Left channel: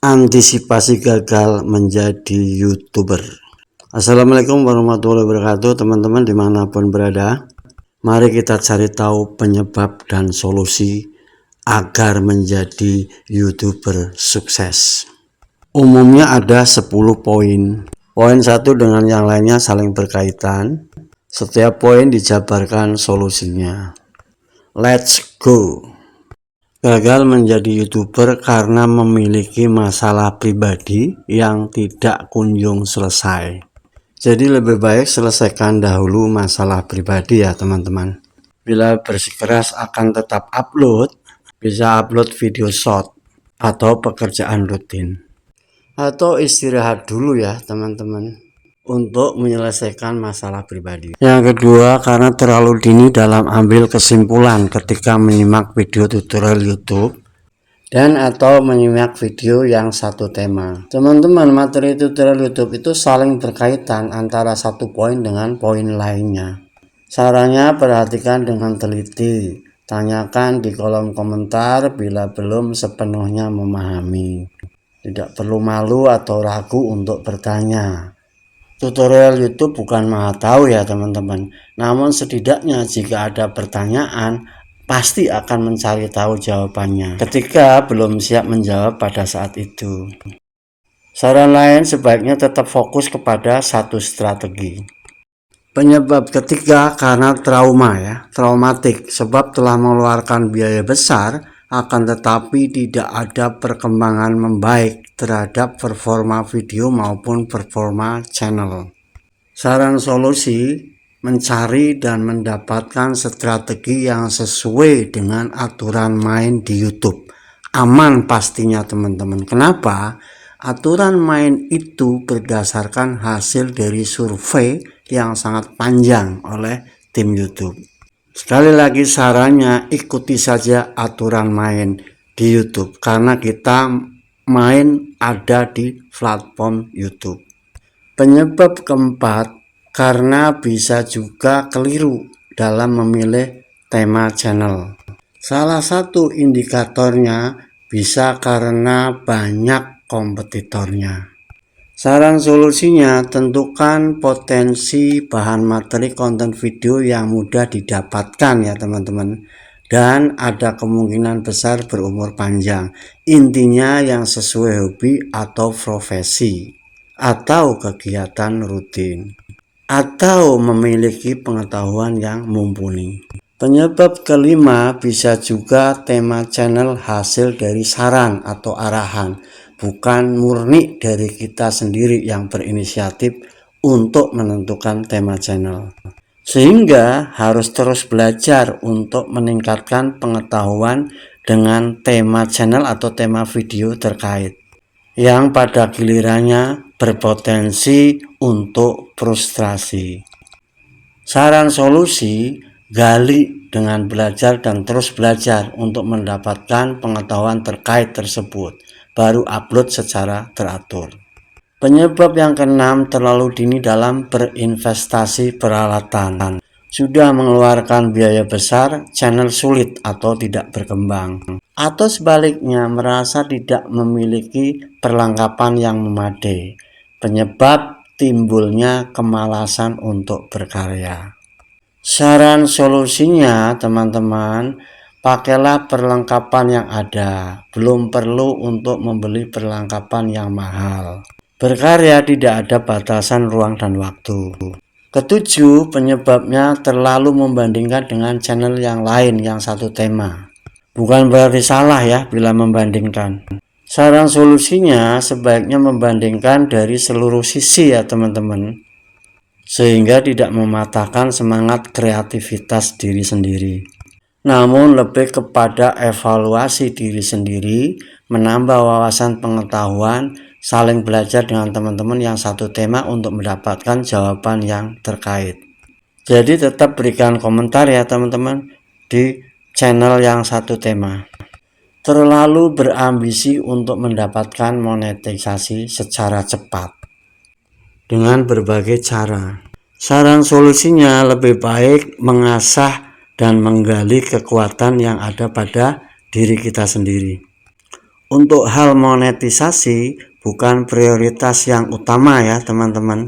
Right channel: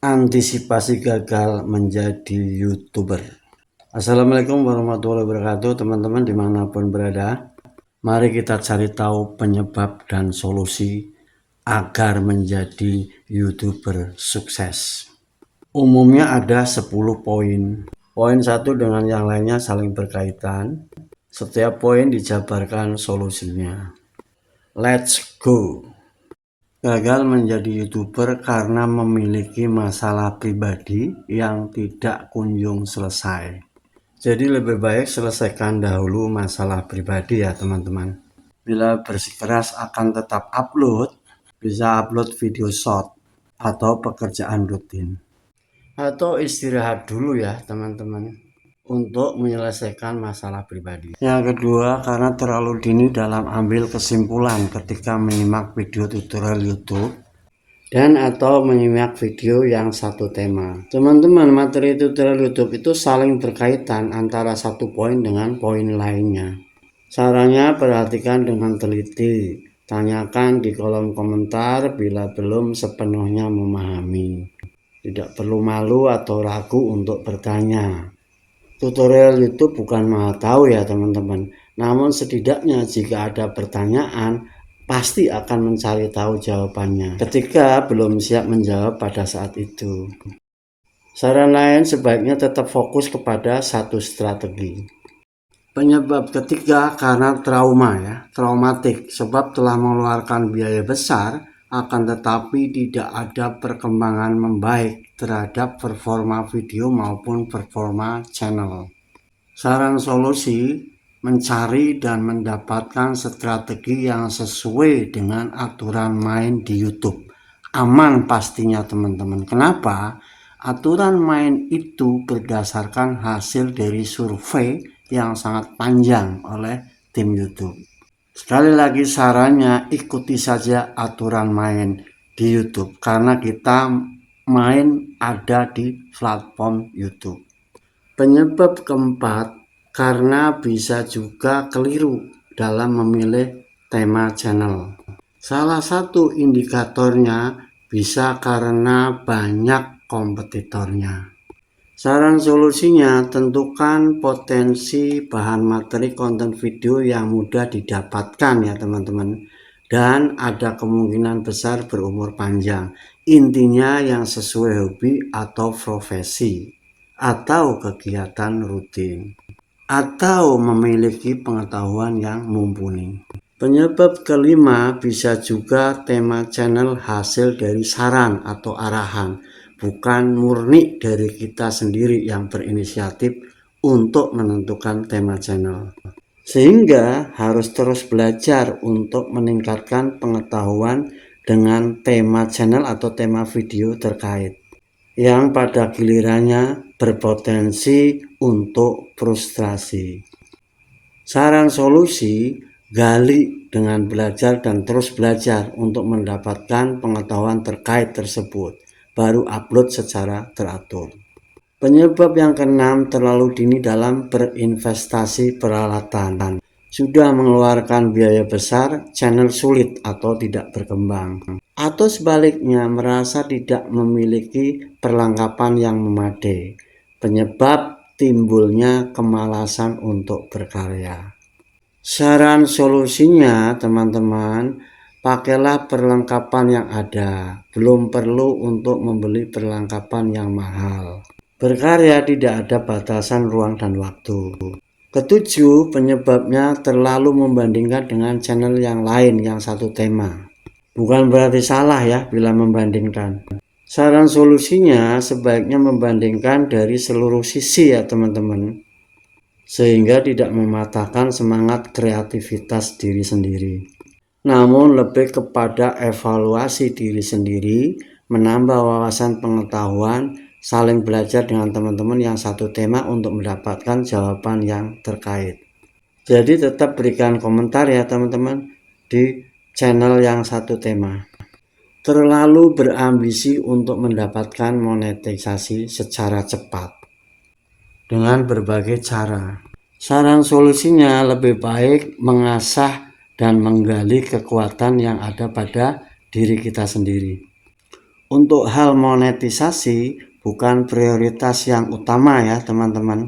Antisipasi gagal menjadi YouTuber. Assalamualaikum warahmatullahi wabarakatuh, teman-teman dimanapun berada. Mari kita cari tahu penyebab dan solusi agar menjadi YouTuber sukses. Umumnya ada 10 poin. Poin satu dengan yang lainnya saling berkaitan. Setiap poin dijabarkan solusinya. Let's go. Gagal menjadi YouTuber karena memiliki masalah pribadi yang tidak kunjung selesai. Jadi lebih baik selesaikan dahulu masalah pribadi ya teman-teman. Bila bersikeras akan tetap upload, bisa upload video short atau pekerjaan rutin. Atau istirahat dulu ya teman-teman, untuk menyelesaikan masalah pribadi. Yang kedua, karena terlalu dini dalam ambil kesimpulan ketika menyimak video tutorial YouTube dan atau menyimak video yang satu tema. Teman-teman, materi tutorial YouTube itu saling berkaitan antara satu poin dengan poin lainnya. Sarannya perhatikan dengan teliti. Tanyakan di kolom komentar bila belum sepenuhnya memahami. Tidak perlu malu atau ragu untuk bertanya. Tutorial YouTube bukan maha tahu ya teman-teman. Namun setidaknya jika ada pertanyaan, pasti akan mencari tahu jawabannya ketika belum siap menjawab pada saat itu. Saran lain sebaiknya tetap fokus kepada satu strategi. Penyebab ketiga karena traumatik, sebab telah mengeluarkan biaya besar akan tetapi tidak ada perkembangan membaik terhadap performa video maupun performa channel. Saran solusi, mencari dan mendapatkan strategi yang sesuai dengan aturan main di YouTube. Aman pastinya teman-teman. Kenapa? Aturan main itu berdasarkan hasil dari survei yang sangat panjang oleh tim YouTube. Sekali lagi sarannya, ikuti saja aturan main di YouTube karena kita main ada di platform YouTube. Penyebab keempat, karena bisa juga keliru dalam memilih tema channel. Salah satu indikatornya bisa karena banyak kompetitornya. Saran solusinya, tentukan potensi bahan materi konten video yang mudah didapatkan ya teman-teman, dan ada kemungkinan besar berumur panjang. Intinya yang sesuai hobi atau profesi atau kegiatan rutin, atau memiliki pengetahuan yang mumpuni. Penyebab kelima, bisa juga tema channel hasil dari saran atau arahan, bukan murni dari kita sendiri yang berinisiatif untuk menentukan tema channel. Sehingga harus terus belajar untuk meningkatkan pengetahuan dengan tema channel atau tema video terkait, yang pada gilirannya berpotensi untuk frustrasi. Saran solusi, gali dengan belajar dan terus belajar untuk mendapatkan pengetahuan terkait tersebut, baru upload secara teratur. Penyebab yang keenam, terlalu dini dalam berinvestasi peralatan. Sudah mengeluarkan biaya besar, channel sulit atau tidak berkembang. Atau sebaliknya, merasa tidak memiliki perlengkapan yang memadai. Penyebab timbulnya kemalasan untuk berkarya. Saran solusinya teman-teman, pakailah perlengkapan yang ada. Belum perlu untuk membeli perlengkapan yang mahal. Berkarya tidak ada batasan ruang dan waktu. Ketujuh, penyebabnya terlalu membandingkan dengan channel yang lain yang satu tema. Bukan berarti salah ya bila membandingkan. Saran solusinya sebaiknya membandingkan dari seluruh sisi ya teman-teman, sehingga tidak mematahkan semangat kreativitas diri sendiri. Namun lebih kepada evaluasi diri sendiri, menambah wawasan pengetahuan, saling belajar dengan teman-teman yang satu tema untuk mendapatkan jawaban yang terkait. Jadi tetap berikan komentar ya teman-teman di channel yang satu tema. Terlalu berambisi untuk mendapatkan monetisasi secara cepat dengan berbagai cara. Saran solusinya lebih baik mengasah dan menggali kekuatan yang ada pada diri kita sendiri Untuk hal monetisasi bukan prioritas yang utama ya teman-teman,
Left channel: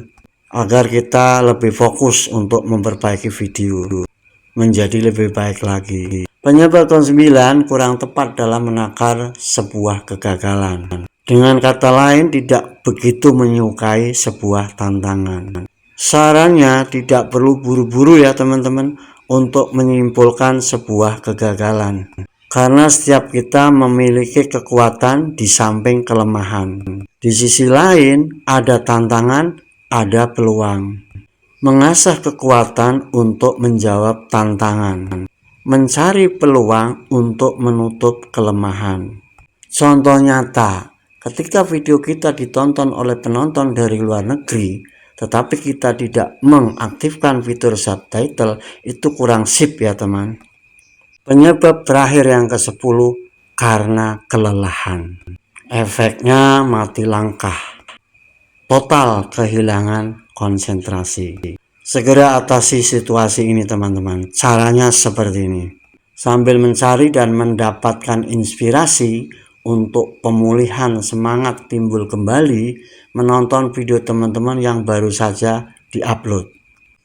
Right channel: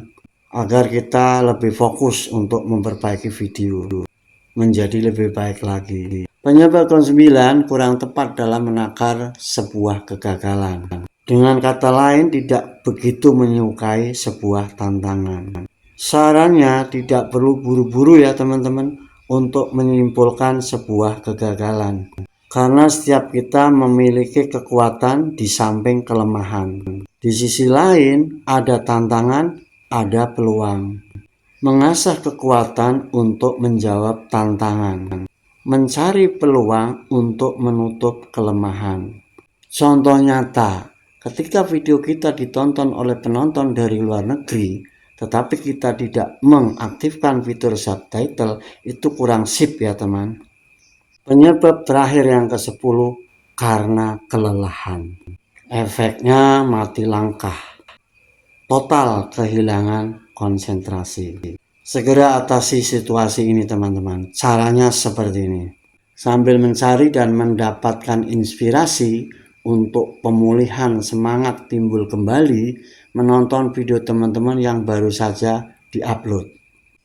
agar kita lebih fokus untuk memperbaiki video menjadi lebih baik lagi. Penyebab ke-9 kurang tepat dalam menakar sebuah kegagalan. Dengan kata lain, tidak begitu menyukai sebuah tantangan. Sarannya tidak perlu buru-buru ya teman-teman untuk menyimpulkan sebuah kegagalan. Karena setiap kita memiliki kekuatan di samping kelemahan. Di sisi lain, ada tantangan, ada peluang. Mengasah kekuatan untuk menjawab tantangan. Mencari peluang untuk menutup kelemahan. Contoh nyata, ketika video kita ditonton oleh penonton dari luar negeri, tetapi kita tidak mengaktifkan fitur subtitle, itu kurang sip ya teman. Penyebab terakhir yang ke-10, karena kelelahan. Efeknya mati langkah. Total kehilangan konsentrasi. Segera atasi situasi ini teman-teman. Caranya seperti ini. Sambil mencari dan mendapatkan inspirasi untuk pemulihan semangat timbul kembali, menonton video teman-teman yang baru saja diupload.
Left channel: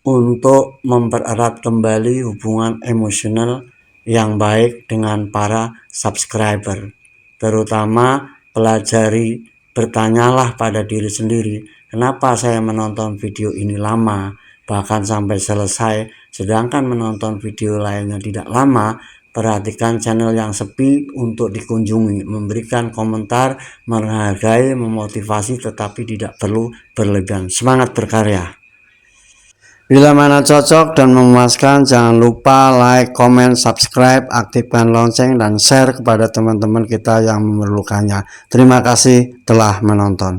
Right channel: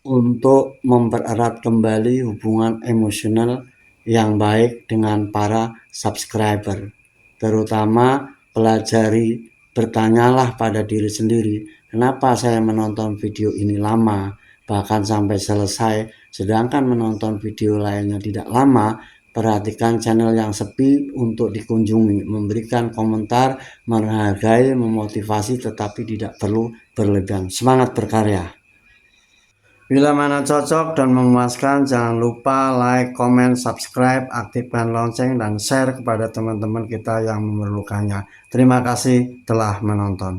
Untuk mempererat kembali hubungan emosional yang baik dengan para subscriber. Terutama pelajari, bertanyalah pada diri sendiri, kenapa saya menonton video ini lama, bahkan sampai selesai, sedangkan menonton video lainnya tidak lama. Perhatikan channel yang sepi untuk dikunjungi, memberikan komentar, menghargai, memotivasi, tetapi tidak perlu berlebihan. Semangat berkarya. Bila mana cocok dan memuaskan, jangan lupa like, komen, subscribe, aktifkan lonceng, dan share kepada teman-teman kita yang memerlukannya. Terima kasih telah menonton.